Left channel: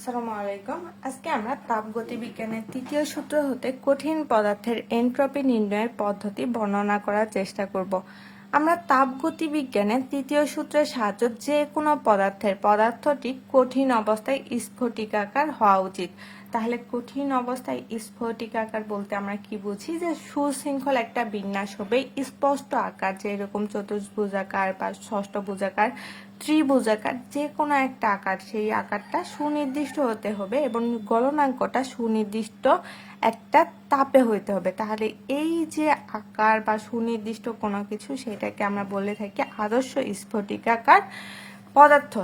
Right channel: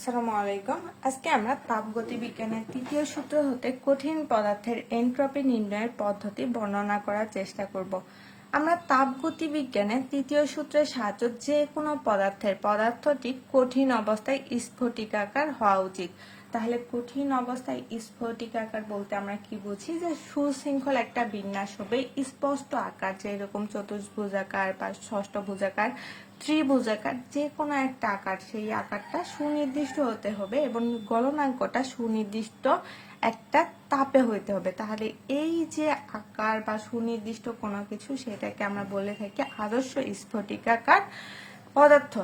আসসালামু আজকে আমরা তৃতীয় সূত্র হতে কঠিন পদার্থের এনট্রপি নির্ণয়ের পদ্ধতি বর্ণনা করার চেষ্টা করব। আমরা তাপগতি বিজ্ঞানের তৃতীয় সূত্রের সাহায্যে যে কোনো পদার্থের পদার্থটি কঠিন অবস্থায় স্ফটিকাকার হওয়া উচিত। তাহলে কঠিন অবস্থায় স্ফটিকাকার বলতে আমরা কি বুঝি? যে সুশৃঙ্খল একটা বিন্যাস হবে, স্পষ্ট আকার যেরকম চতুর্ভুজাকার বা ষষ্ঠভুজাকার ত্রিভুজাকার, যে কোনো একটা আকার, সেই আকারটা সুনির্দিষ্ট হতে হবে এবং গলনাঙ্কটা সুনির্দিষ্ট একটা তাপে হইতে হবে। তাহলে এই যে আকার বা সুনির্দিষ্ট কোনো কিছু, সেটাকে আমরা বলে থাকি আদর্শ স্ফটিকাকার পদার্থ।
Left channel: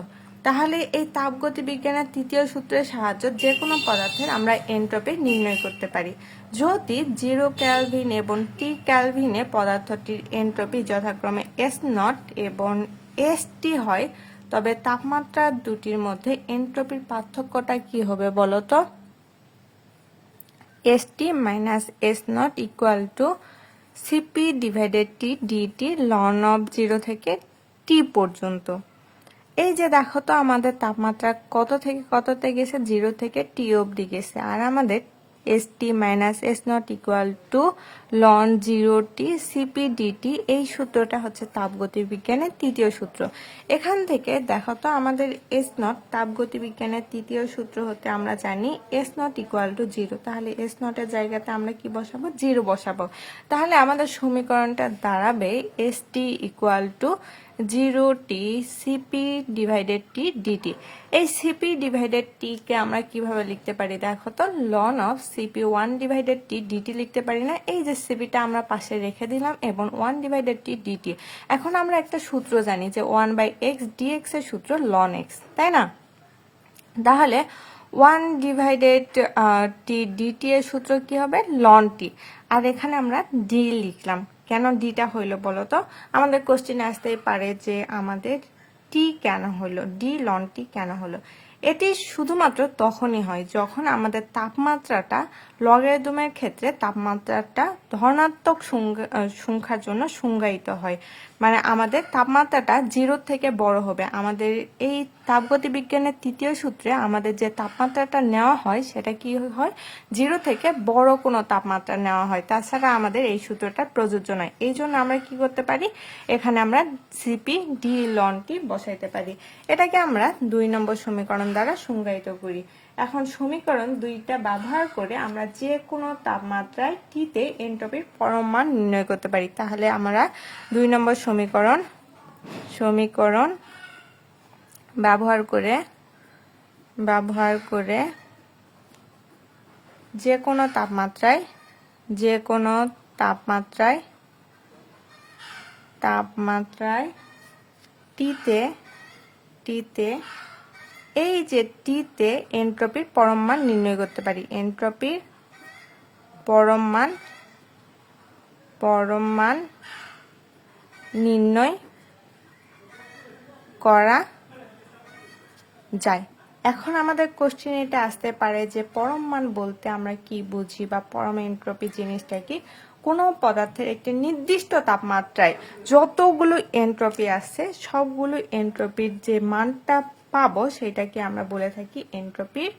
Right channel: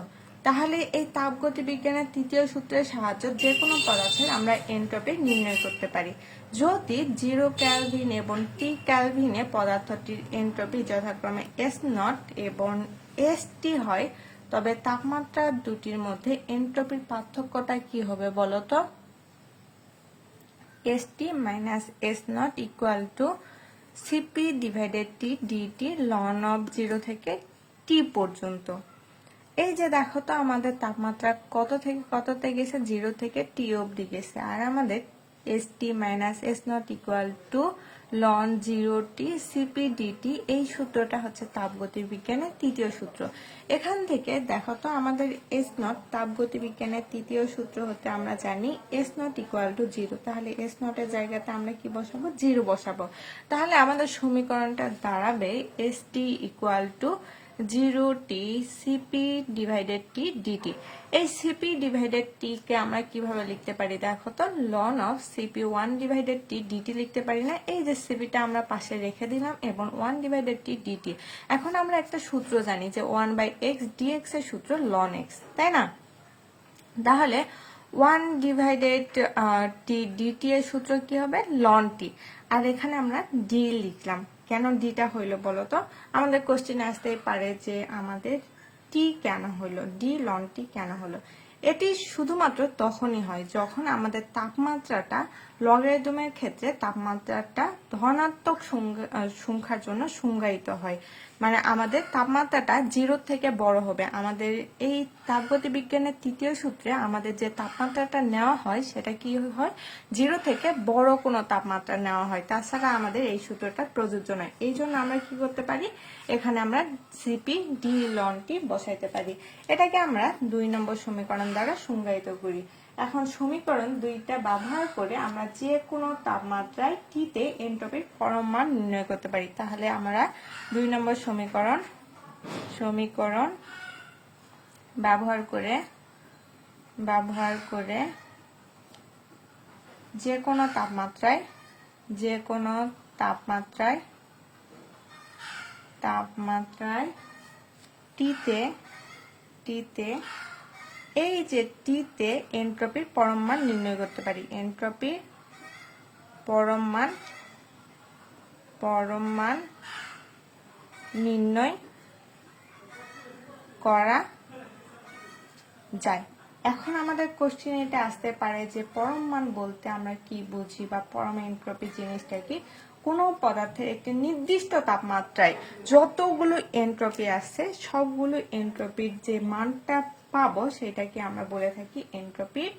তাহলে এই তাপগতি বিজ্ঞানের তৃতীয় সূত্রের সাহায্যে যে কোনো পদার্থের আমরা এন্ট্রপি নির্ণয় করতে পারি। যদি জিরো ক্যালভিন এবং টি ক্যালভিনে পদার্থটির এন্ট্রপি যথাক্রমে এস নট এবং এস টি হয়, তবে তাপমাত্রা দুটির মধ্যে এন্ট্রপির পার্থক্যটা কি হবে বলতো S T minus S naught equal to CP divided T DT ln of zero থেকে টি পর্যন্ত। এই যে দেখো তো আমাদের তাপমাত্রা কত থেকে কততে গেছে? জিরো থেকে টি অবধি গেছে। আর আমাদের S T minus S naught equal to ln zero T CP DT এই সূত্রটা হচ্ছে তাপগতি বিজ্ঞানের তৃতীয় সূত্র। এখান থেকে দেখো তো আমাদের এস নট তাপগতি বিজ্ঞানের তৃতীয় সূত্র হতে আমরা জানি S naught equal to zero তাহলে এস নটের জায়গাতে আমরা কি বসাবো? জিরো বসাবো। তাহলে আমাদের সমীকরণটা দাঁড়াবে S T equal to zero T CP divided T DT এই সিপি ডিভাইডেড টি কে আমরা কীভাবে লিখতে পারি? দেখো তো ln of CP one divided T DT লিখতে পারি না। এই যে সিপিটা আমরা পাশে রেখে দিলাম এবং ওয়ান ডিভাইডেড টি ডিটি এখন আমরা একটা সূত্র জানি যে ওয়ান বাই এক্স ডিএক্স এর সূত্র লন এক্স তাই না? তাহলে ওয়ান ডিভাইডেড টি ডিটি এর সূত্র কি হবে? লন টি আর এখানে আমরা ডি লিখলাম। কেন ডিটা হইল বলো তো আমাদের কোশ্চিনে আসতে পারে যে আমাদের টি কেন হইল? ডি লন টি কেন হলো এটি শুধুমাত্র তখনই হয় যখন আমাদের তাপমাত্রাটা লগারিদমের ক্ষেত্রে তাপমাত্রাটা ধনাত্মক সংখ্যা- সংখ্যার জন্য সংজ্ঞায়িত হয়। মানে আমাদের তাপমাত্রাটা জিরোর থেকে বড় হবে। আমাদের এই তাপগতি বিজ্ঞানের তৃতীয় সূত্রে আমাদের যে তাপমাত্রাটা নেওয়া হয়, সেটা কি হয়? জিরো থেকে বড় কোনো তাপমাত্রা নেওয়া হয়। তাছাড়া আমাদের এই সূত্রটা প্রযোজ্য নয়। এই জন্য আমরা কি করতে পারি? এখানে আমরা সিপি ডি লনটি বসাইতে পারি। এটাকে আমরা দুই নম্বর সমীকরণ দ্বারা সংজ্ঞায়িত করি। এখন সমীকরণ দুইটা ব্যবহার করে আমরা যে কোনো তাপমাত্রায় টিতে এন্ট্রপির পরম মান নির্ণয় করতে পারি। তাহলে আমরা দুই নম্বর সমীকরণ সমীকরণ ব্যবহার করে ব্যবহার করে যে কোনো তাপমাত্রায় যে কোনো তাপমাত্রায় তাপমাত্রায় টিতে টিতে এই যে টিতে এন্ট্রপির পরম মান নির্ণয় করতে পারি। এন্ট্রপির পরম মান পরম মান নির্ণয় করা যায়। এখন আমাদের কোশ্চেন এটা আসতে পারে যে পরম মান বলতে আমরা কি বুঝি বা পরম এন্ট্রপি জিনিসটা কি? কোনো পদার্থের একটি নির্দিষ্ট তাপমাত্রায় যতগুলো এন্ট্রপি আছে, সবগুলো এন্ট্রপির যে মানটা পাবো সেটাকে আমরা বলে থাকি এন্ট্রপির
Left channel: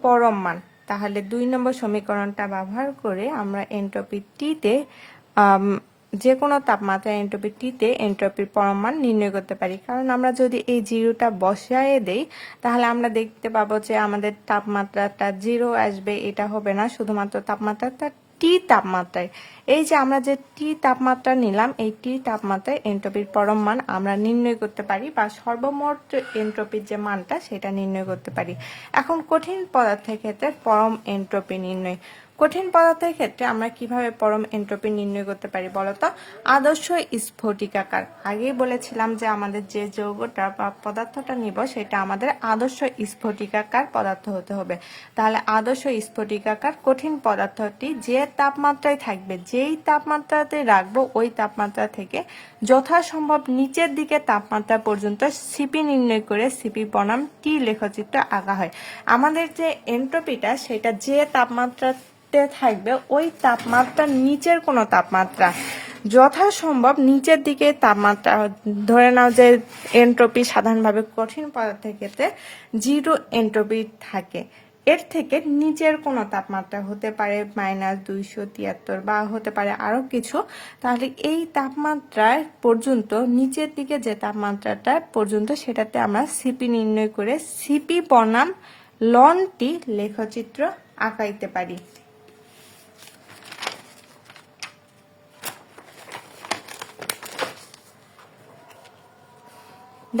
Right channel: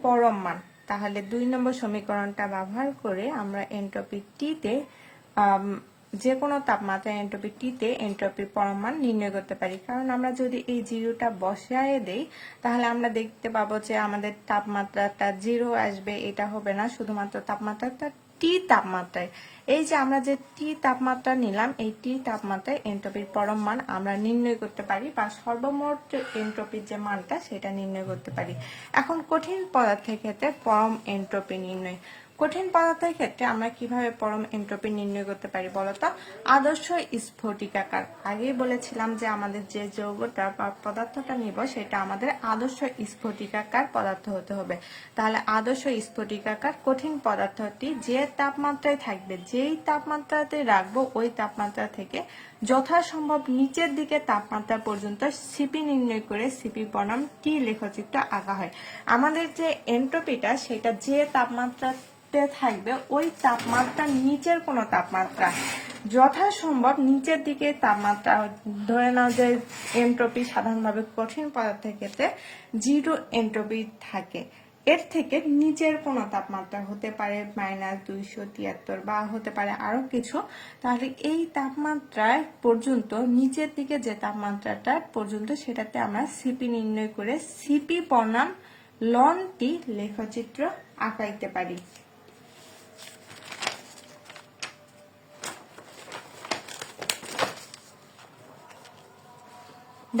পরম মান তাহলে দুই নম্বর সমীকরণটা ব্যবহার করে আমরা এন্ট্রপি টিতে যে কোনো তাপমাত্রায় এন্ট্রপি টিতে এন্ট্রপির পরমাণ নির্ণয় করতে পারি। কারণ আমরা যদি এই জিরোটা বসায় দেই, তাহলে আমরা দেখতে পাবো যে আমাদের তাপমাত্রাটা জিরো আসবে, এটা হবে না। শুধুমাত্র তাপমাত্রাটা টি তাপমাত্রায়। এই যে আমরা যে টি তাপমাত্রা নিলাম, এই টি তাপমাত্রায় এন্ট্রপির পরম মান আমরা নির্ণয় করতে পারি বা সর্বমোট এন্ট্রপির যে মানটা সেটা নির্ণয় করতে পারি। এখন কঠিন পদার্থের ক্ষেত্রে পরম এন্ট্রপি নির্ণয়। কঠিন পদার্থের ক্ষেত্রে আমরা কীভাবে পরম এন্ট্রপি নির্ণয় করতে পারি বলতো? আদর্শ স্ফটিকাকার। আগেই বলেছিলাম যে আমাদের যে যৌগটা বা পদার্থটা নিব, সেটা আমাদের আদর্শ স্ফটিকাকার পদার্থ হতে হবে। তাহলে আদর্শ স্ফটিকাকার কঠিন পদার্থটি যে তাপমাত্রায় থাকবে, যেই তাপমাত্রাতে রাখব, ওই তাপমাত্রা থেকে যথাসম্ভব নিচের দিকে তাপমাত্রা পর্যন্ত সিপি নির্ণয় করে সিপি বনাম টি লেখচিত্র আঁকা হয়। আমাদের যে এন্ট্রপিটা, সেটা যে তাপমাত্রাতে থাকবে ওই তাপমাত্রার নিচের কোনো তাপমাত্রা। যথাসম্ভব নিচের দিকে তাপমাত্রা, ধরে নাও যে এন্ট্রপি সাধারণভাবে কঠিন পদার্থের ক্ষেত্রে জিরো এন্ট্রপি থাকে। এর থেকে নিচের কোনো তাপমাত্রা হতে পারে মাইনাস দুইশো তিয়াত্তর বা হতে পারে আরও কিছু। তাহলে এই তাপমাত্রায় পর্যন্ত, নিচের দিকে যে তাপমাত্রাটা পর্যন্ত, সেটাতে আমরা সিপি নির্ণয় করে সিপি বনাম লনটি লেখচিত্র আঁকাইতে পারি।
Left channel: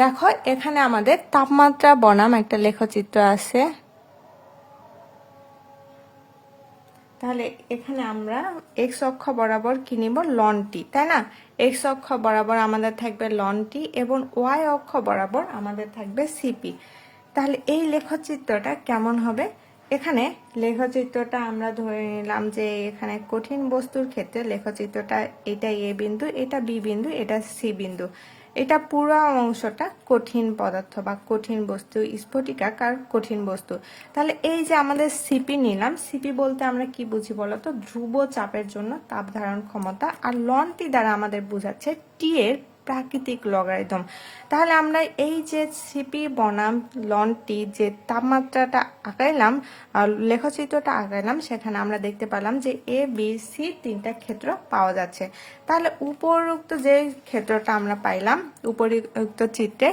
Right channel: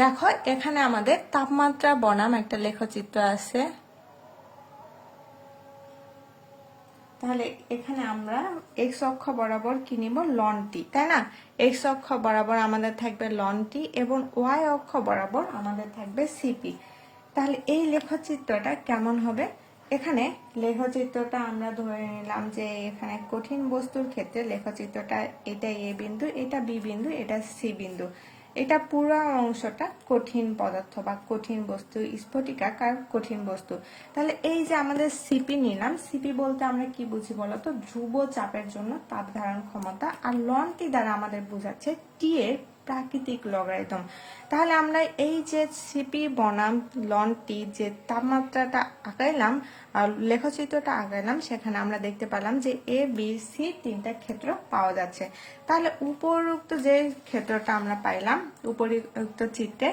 দেখো, এখানে আমাদের তাপমাত্রা বনাম একটা লেখচিত্র আছে। তাহলে এখানে আমরা এক্স অক্ষ বরাবর কি নিব? লনটি, তাই না? এক্স অক্ষ বরাবর আমাদের থাকবে লনটি এবং ওয়াই অক্ষ বরাবর আমাদের থাকবে সিপি তাহলে এই লেখচিত্রটা কেমন হবে? এখানে লেখচিত্রটা আমরা ধরে নিলাম যে এখানে কঠিন বস্তুর ক্ষেত্রে লেখচিত্রটা এটা এ বিন্দু, এটা বি বিন্দু, এটা সি বিন্দু। এটা পুরো অংশটা কঠিন পদার্থ বা কঠিন বস্তু স্ফটিকাকার কঠিন বস্তু। তাহলে এই যে আমাদের সিপি নিলাম সিপি বলতে আমরা কি বুঝি বলতো? ধ্রুব চাপের জন্য তাপ ধারণ ক্ষমতা আর লনটি দ্বারা আমাদের বোঝাচ্ছে টি এর প্রাকৃতিক লগারিদম। তাহলে আমরা এই যে সিপি বনাম লনটি যে তাপমাত্রাটা আঁকাইলাম লেখচিত্রটা আঁকাইলাম সেখানে আমরা দেখতে পেলাম যে এ বি সি তিনটা ক্ষেত্র পাওয়া যাচ্ছে। তাহলে উপরোক্ত যে ক্ষেত্রটা আমরা পাইলাম উপরিউক্ত চিত্রে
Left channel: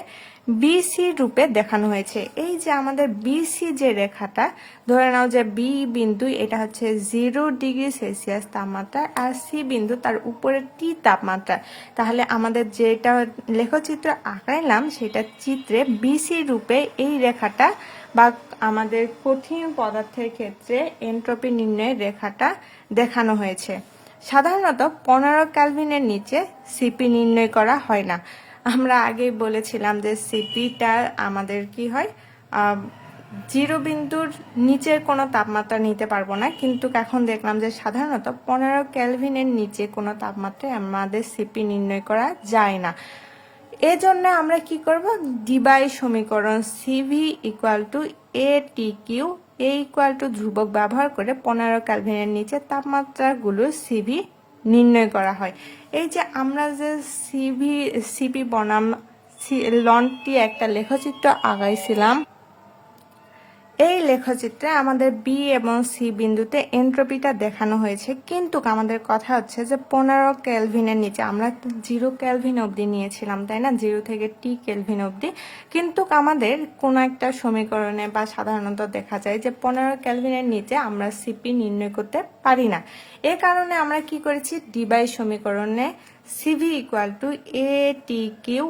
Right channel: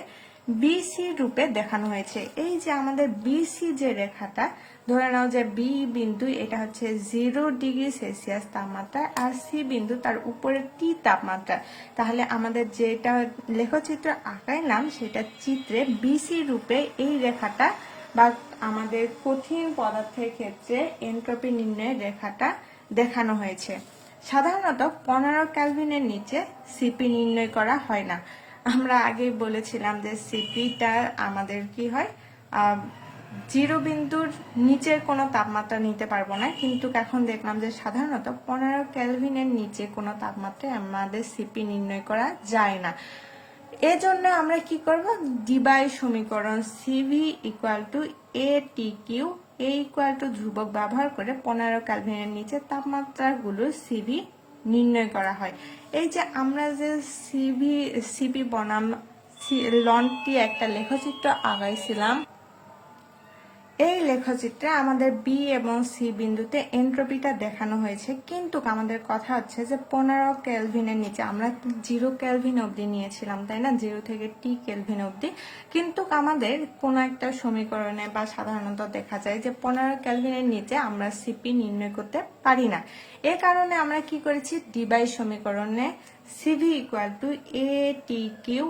বিসি রূপে দেখানো হয়েছে। এই যে আমাদের বিসি যে রেখাটা, ধরে নাও যে বি বিন্দু, এটা হচ্ছে জিরো ডিগ্রি সেলসিয়াস তাপমাত্রা, আর সি বিন্দু তার উপরে টি তাপমাত্রা। তাহলে আমাদের যেটা লেখচিত্র আঁকাইলাম সেটা চিত্রে বিসি রূপে এই রেখাটা বা আমাদের কঠিন পদার্থের ক্ষেত্রে এন্ট্রপি নির্ণয়ের রেখাটা দেখানো হয়েছে। সাধারণত পনেরো ক্যালভিনের নিচে সিপি নির্ণয় করা হয় না। আমরা আগেই বলেছিলাম যে সিপিটা আমাদের কি হয় জিরো বিন্দুর নিচের কোনো তাপমাত্রা নিতে পারব না, কিন্তু এখন দেখলাম যে সাধারণত পনেরো ক্যালভিনের নিচে কোনো তাপমাত্রায় আমাদের সিপি নির্ণয় করা যায় না। এজন্য আমরা কি করব? ডিবাই সমীকরণ CV equal to A T cube A equal to ধ্রুবক ব্যবহার করে পনেরো ক্যালভিনের নিচে তাপমাত্রাগুলো সিভি নির্ণয় করা হয়। এই যে আমরা যে সিভি সিভি বনাম লনটি একটা লেখচিত্র আগাইছিলাম এই লেখচিত্রে আমাদের বি এবং সি বিন্দুতে এন্ট্রপিটা দেখানো হয়েছে। কিন্তু আমাদের কথা হচ্ছে যে পনেরো ক্যালভিনের নিচে, আমরা জিরো ক্যালভিন অবধি নিয়েছিলাম, তাই না? জিরো থেকে টি কেলভিন অবধি। কিন্তু আমাদের কোনো একটা সমীকরণে বা সাধারণত দেখা যায় যে পনেরো ক্যালভিনের নিচে আমরা সিপি নির্ণয় করতে পারি না। এ কারণে আমরা কি করেছি? ডিবাই সমীকরণে CV equal to A T cube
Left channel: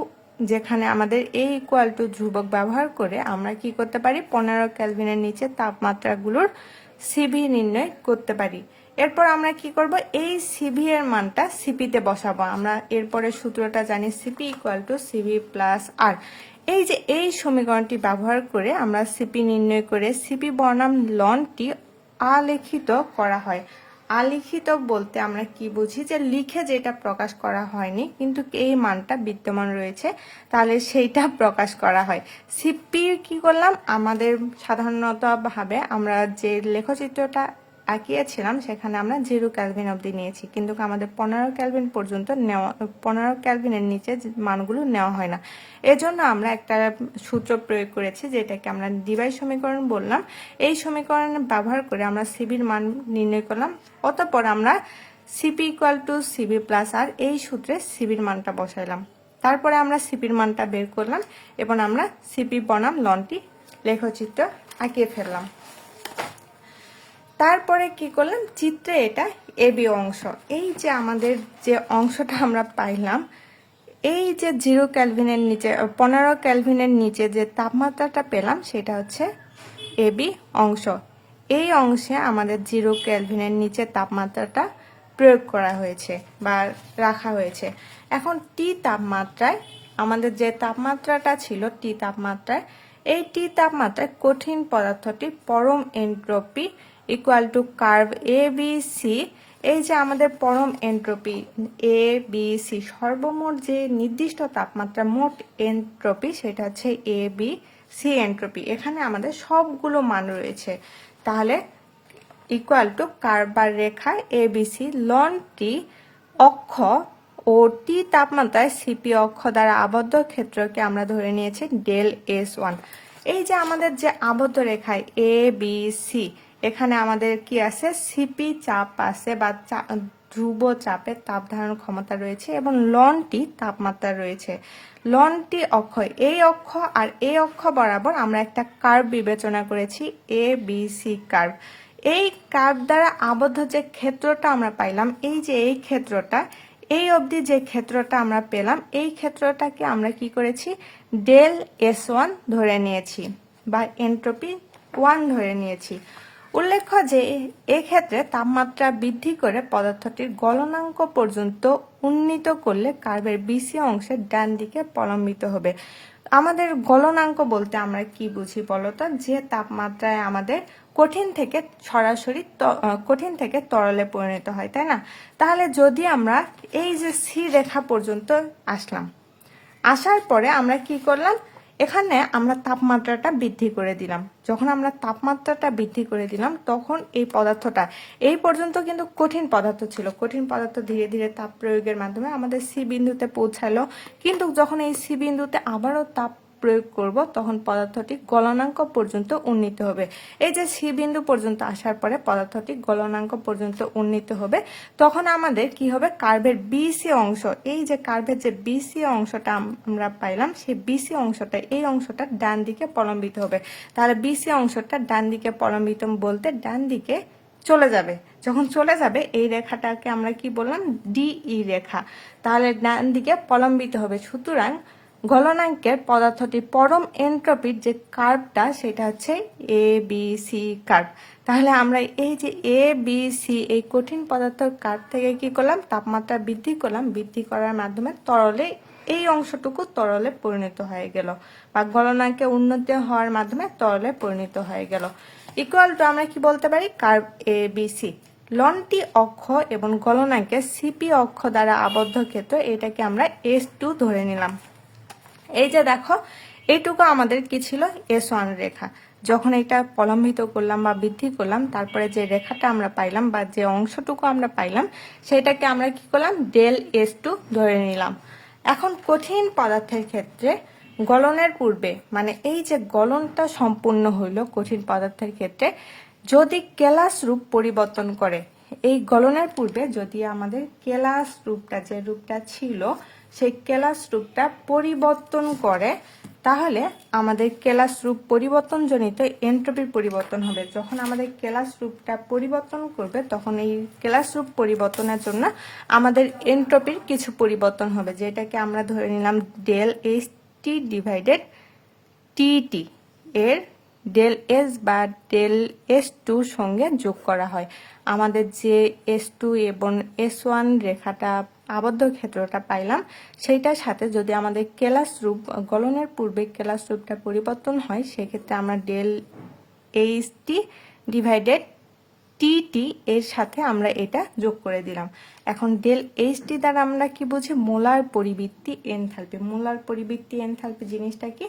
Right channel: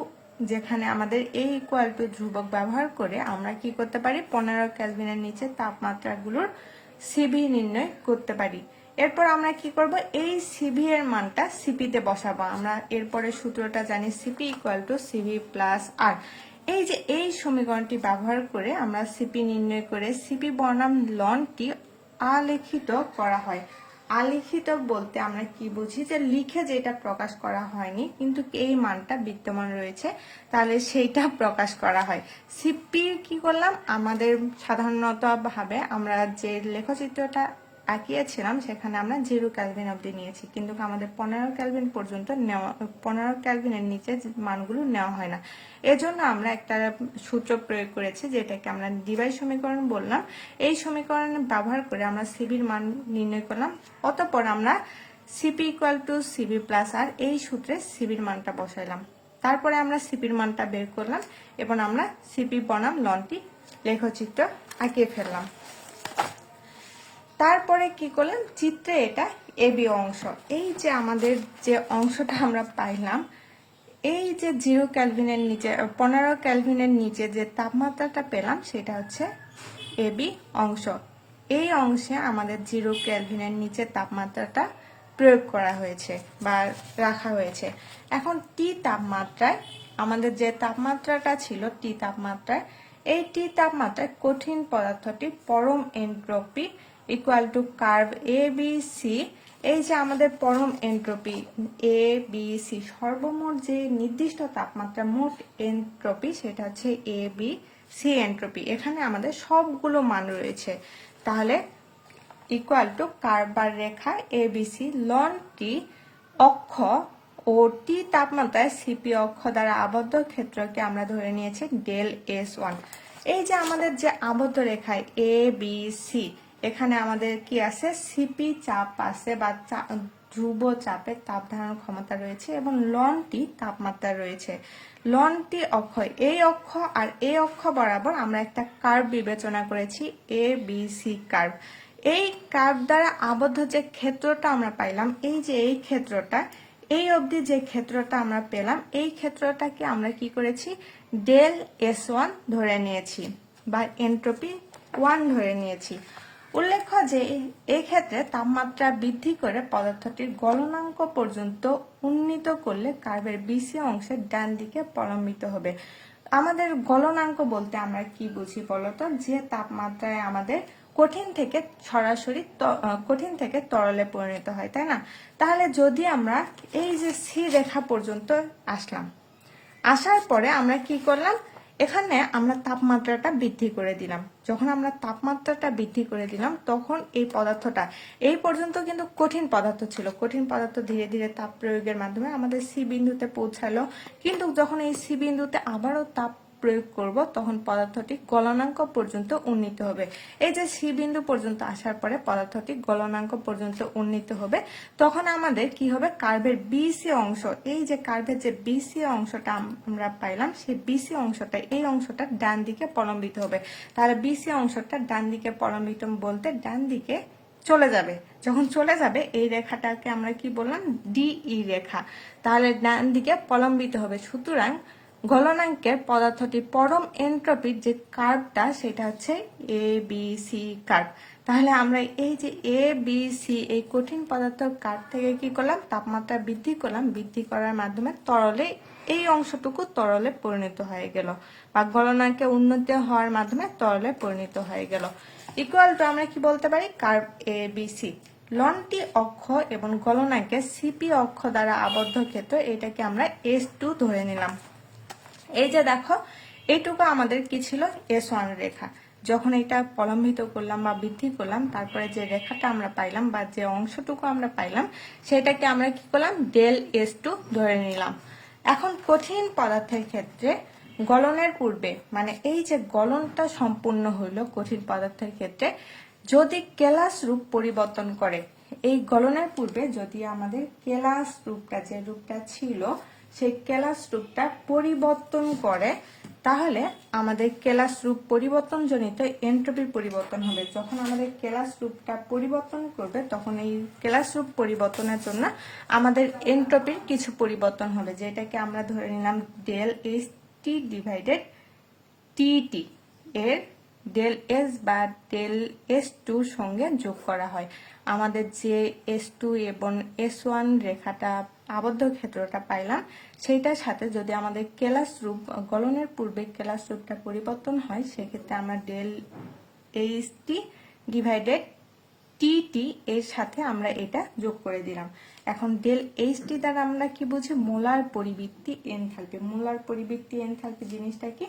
যেখানে আমাদের এই ইকুয়াল টু ধ্রুবক ব্যবহার করে আমরা কি করতে পারি? পনেরো ক্যালভিনের নিচে তাপমাত্রাগুলোর সিভি নির্ণয় করতে পারি। এরপর আমরা কি করব? এই সিভি এর মানটা সিপিতে বসাবো। আমরা এরপরে সূত্রটা জানি CP equal to CV plus R এই যে এই সমীকরণটি ব্যবহার করে আমরা সিপি নির্ণয় করে সিপি বনাম লনটি আলেখিত করা হয়। আলিখিত বলতে আমরা কি বুঝি? যে লিখে যেটা প্রকাশ করা হয়নি, কিন্তু এই মানটা বিদ্যমান রয়েছে, তাহলে সেইটা প্রকাশ করা হয়। সিপি কি করলাম? আমাদের সাধারণত ভাবে আমরা যে লেখচিত্রটা আঁকিয়েছিলাম, সেখানে আমরা জিরো ক্যালভিন অবধি নিয়েছি। কিন্তু আমাদের পনেরো ক্যালভিন পর্যন্ত নেওয়া, পনেরো ক্যালভিনের নিচে মানগুলো নেওয়া হয় না। এজন্য আমরা একটা সূত্র প্রয়োগ করেছি, যেটাকে আমরা ডিভাই সমীকরণ বললাম। এই সমীকরণ ব্যবহার করে আমরা সিবির মান নির্ণয় করলাম। অতঃপর আমরা CP equal to CV plus R এই সূত্রে সিবির মানটা বসাইলাম। তারপরে আমরা সিপির মানটা বের করলাম এবং আমরা সিপি বনাম লনটি লেখচিত্র আঁকিয়ে ফেললাম। তারপরে কি করলাম চিত্রে এটা এবি অংশ। এই যে আমাদের যে অংশটা আমরা পাইলাম, এই যে জিরো ক্যালভিনের নিচে, পনেরো ক্যালভিনের নিচে যে তাপমাত্রাটা পেলাম, সেটা হচ্ছে এবি অংশ। এই অংশে আমাদের জিরো ক্যালভিনের নিচে তাপমাত্রাটা প্রয়োগ করা হয়েছে বা রাখা হয়েছে। এখন টি তাপমাত্রায় আমাদের যে তাপমাত্রাটা ছিল টি তাপমাত্রায়, এই টি তাপমাত্রায় কঠিন পদার্থটি পরম entropy equal to curve A B C এই যে আমাদের পরম এন্ট্রপি এ বি সি সর্বমোট যে নির্দিষ্ট তাপমাত্রা মোট এন্ট্রপি সেটা হচ্ছে এ বি সি এন্ট্রপি এখানে আমাদের সবগুলো মান রয়েছে। তাহলে ইকুয়াল টু কার্বার রেখা এবিসি লন টি অক্ষ ও টি তাপমাত্রায় সিপি অক্ষ দ্বারা আবদ্ধ ক্ষেত্রকে আমরা ধরে নিয়েছি ডেল এস ওয়ান এই যে আমাদের যে আবদ্ধ রেখায় এ বি সি এখানে আমাদের কি আছে? সিপি চাপ আছে বা ধ্রুব চাপের তাপ ধারণ ক্ষমতা রয়েছে এবং লনটি তাপমাত্রা রয়েছে। লনটি অক্ষ, এই অক্ষ আর এই অক্ষ বরাবর আমরা একটা কার্ভ বিবেচনা করেছি এ বি সি কার্ভ এই কার্ভ দ্বারা আবদ্ধ যে ক্ষেত্রটা আমরা পাইলাম, এই যে এই ক্ষেত্রটা, এই অবধি যে ক্ষেত্রটা আমরা পেলাম, এই ক্ষেত্রটাকে আমরা কি করেছি? ডেল এস ওয়ান ধরে নিয়েছি বা এন্ট্রপি ওয়ান ধরে নিয়েছি। উল্লেখ্য যে এই ক্ষেত্রে তাপমাত্রা বৃদ্ধি করে পদার্থটির গলনাঙ্ক পর্যন্ত উন্নীত করলে কার্বের বিসি অংশের ডান দিকে প্রলম্বিত হবে। আমাদের গলনাঙ্ক বলতে আমরা কি বুঝি বলতো যে তাপমাত্রায় আমাদের কঠিন থেকে সরাসরি কঠিন থেকে তরলে পরিণত হয়, তাই না? তাহলে যদি আমরা এই যে সি রেখা পর্যন্ত আসলাম, আসার পরে আমরা কি করলাম? এখানে আমরা তাপমাত্রাটা বৃদ্ধি করে দিলাম। যখন আমরা তাপমাত্রাটা বৃদ্ধি করে দিলাম, তখন এই পদার্থটা, এই পর্যন্ত কিন্তু কঠিন পদার্থ ছিল। কঠিন পদার্থ ধীরে ধীরে তাপ প্রয়োগের মাধ্যমে আমাদের সি বিন্দুতে পৌঁছালো। কিন্তু যখন এই সি বিন্দুতে আবারও তাপ প্রয়োগ করব, তখন পদার্থটি গলনাঙ্ক পর্যন্ত উন্নীত হবে। এই যে সি বিন্দু পর্যন্ত আসার পরে পদার্থটি গলনাঙ্ক পর্যন্ত উন্নীত হবে, তখন আমাদের কি হবে? কার্ভের বিসি অংশ, এই যে কার্ভের যে বিসি অংশটা আমরা পাইলাম, সেই বিসি অংশটা, এই অংশটা ডান দিকে প্রলম্বিত হবে। তাহলে বিসি অংশটা ডান দিকে প্রলম্বিত বলতে ডান দিকে চলে যাবে। যখন চলে যাবে, এই রেখাটাকে আমরা কি বললাম? ডিই রেখা। তাহলে ডান দিকে প্রলম্বিত হবে। সুতরাং গলনাঙ্কের পদার্থটি পরম এন্ট্রপির যে কার্ভটা, সেটা হচ্ছে এ বি সি কার্ভ। তাহলে আমরা এই যে এ বি সি এই কঠিন পদার্থের কার্ভ থেকে কি করলাম? তাপমাত্রা বৃদ্ধি করলাম। বৃদ্ধি করার মাধ্যমে তরলে এই অংশটুকু তরলে পরিণত হয়ে গেল বা গলনাঙ্কে উন্নতি হওয়ার মাধ্যমে তরলে পরিণত হয়ে গেল। ইকুয়াল টু আমরা কি বলতে পারি? কার্ভ এ বি সি লনটি অক্ষ এবং গলনাঙ্কে সিপি অক্ষ দ্বারা আবদ্ধ ক্ষেত্র, এটাকে আমরা এস টু ধরে নিলাম। এই যে দেখো, এইটুকু আমাদের কি ছিল? এস ওয়ান রেখা। যখন এটা প্রলম্বিত করলাম বা বৃদ্ধি করলাম, তারপরে যে রেখাটা আমরা পাইলাম বা যে অংশটুকু আমরা পাইলাম, সেটাকে আমরা কি করলাম? ডেল এস টু ধরে নিলাম। এখন কঠিন পদার্থের ক্ষেত্রে গলনের পূর্বে মানে এই যে গলনটা সম্পূর্ণ হইল কঠিন পদার্থের ক্ষেত্রে, যদি কেলাস রূপ পরিবর্তন করে, এই গলনের পূর্বে যদি আমাদের কেলাস রূপটা যে রূপটা ছিল সেই কেলাস রূপটা পরিবর্তন করে, তাহলে আমাদের কেলাস রূপ পরিবর্তনজনিত এন্ট্রপির পরিবর্তন হবে। যখন আমাদের কেলাস রূপটা পরিবর্তন করবে, তখন এই কেলাস রূপ পরিবর্তনের জন্য আমাদের এন্ট্রপির কিছু পরিবর্তন হবে, যেটাকে আমরা ধরে নিলাম del H T divided TT এর ডেল এস বা ডেল এস টুর সঙ্গে যোগ করা হয়। আমাদের যে এস টু এবং এস ওয়ান রেখাটা আবদ্ধ ক্ষেত্রটা পাইলাম, সেইটার সাথে যদি আমাদের কেলাস রূপ, গলনের পূর্বে কেলাস রূপটা পরিবর্তন হয়, সেক্ষেত্রে আমরা del H T divided TT এর সাথে আমরা এটা যোগ করে দিলাম। এখন ডেল এইচ টি দ্বারা আমরা কি বুঝি? মোলার পরিবৃত্তি এনথালপি। মোলার পরিবৃত্তি এনথালপি জিনিসটা কি?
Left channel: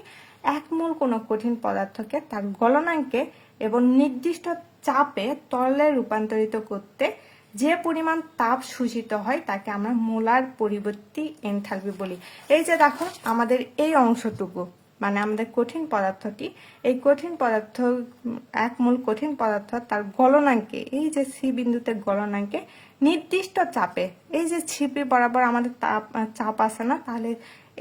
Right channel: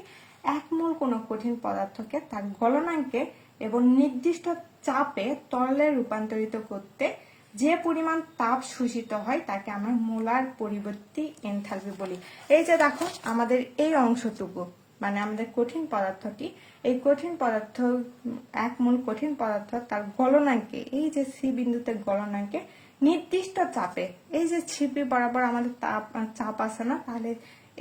এক মোল কোনো কঠিন পদার্থকে তার গলনাঙ্কে এবং নির্দিষ্ট চাপে তরলে রূপান্তরিত করতে যে পরিমাণ তাপ শোষিত হয়, তাকে আমরা মোলার পরিবর্তী এনথালপি বলি। এই যে দেখো, আমাদের এই অংশটুকু মানে আমাদের কঠিন পদার্থটি, এই কঠিন পদার্থ, এক মূল কঠিন পদার্থ, তার গলনাঙ্কে, এই যে সি বিন্দুতে গলনাঙ্কে, নির্দিষ্ট চাপে, এই যে ছিপি বরাবর আমাদের তাপ, চাপ আছে না, তাহলে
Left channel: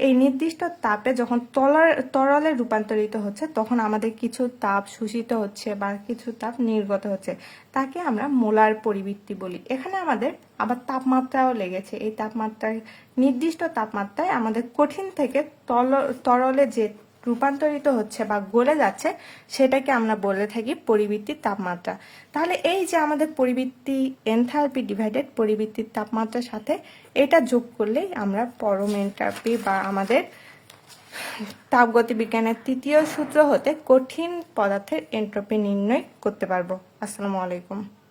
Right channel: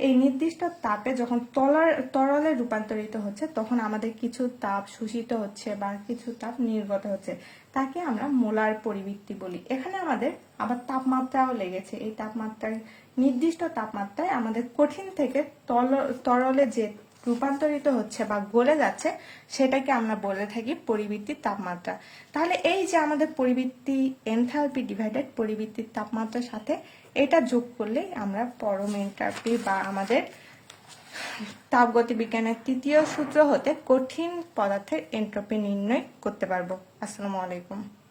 এই নির্দিষ্ট তাপে যখন তলার, তরলে রূপান্তরিত হচ্ছে, তখন আমাদের কিছু তাপ শোষিত হচ্ছে বা কিছু তাপ নির্গত হচ্ছে। তাকে আমরা মোলার পরিবৃত্তি বলি। এখানে আমাদের আবার তাপমাত্রাও লেগেছে। এই তাপমাত্রায়, নির্দিষ্ট তাপমাত্রায় আমাদের কঠিন থেকে তরলে যে রূপান্তরিত হচ্ছে বা গলে যাচ্ছে, সেটাকে আমরা বলে থাকি পরিবৃত্তির তাপমাত্রা। তাহলে এই যে আমাদের পরিবৃত্তি এনথালপি ডিভাইডেড পরিবৃত্তির তাপমাত্রার সাথে, এটা যোগ করলেই আমরা পরম এনথালপি বা আমাদের তাপগতি বিজ্ঞানের তৃতীয় সূত্র হতে কঠিন পদার্থের এন্ট্রপি নির্ণয় করতে পারব। আসসালামু আলাইকুম।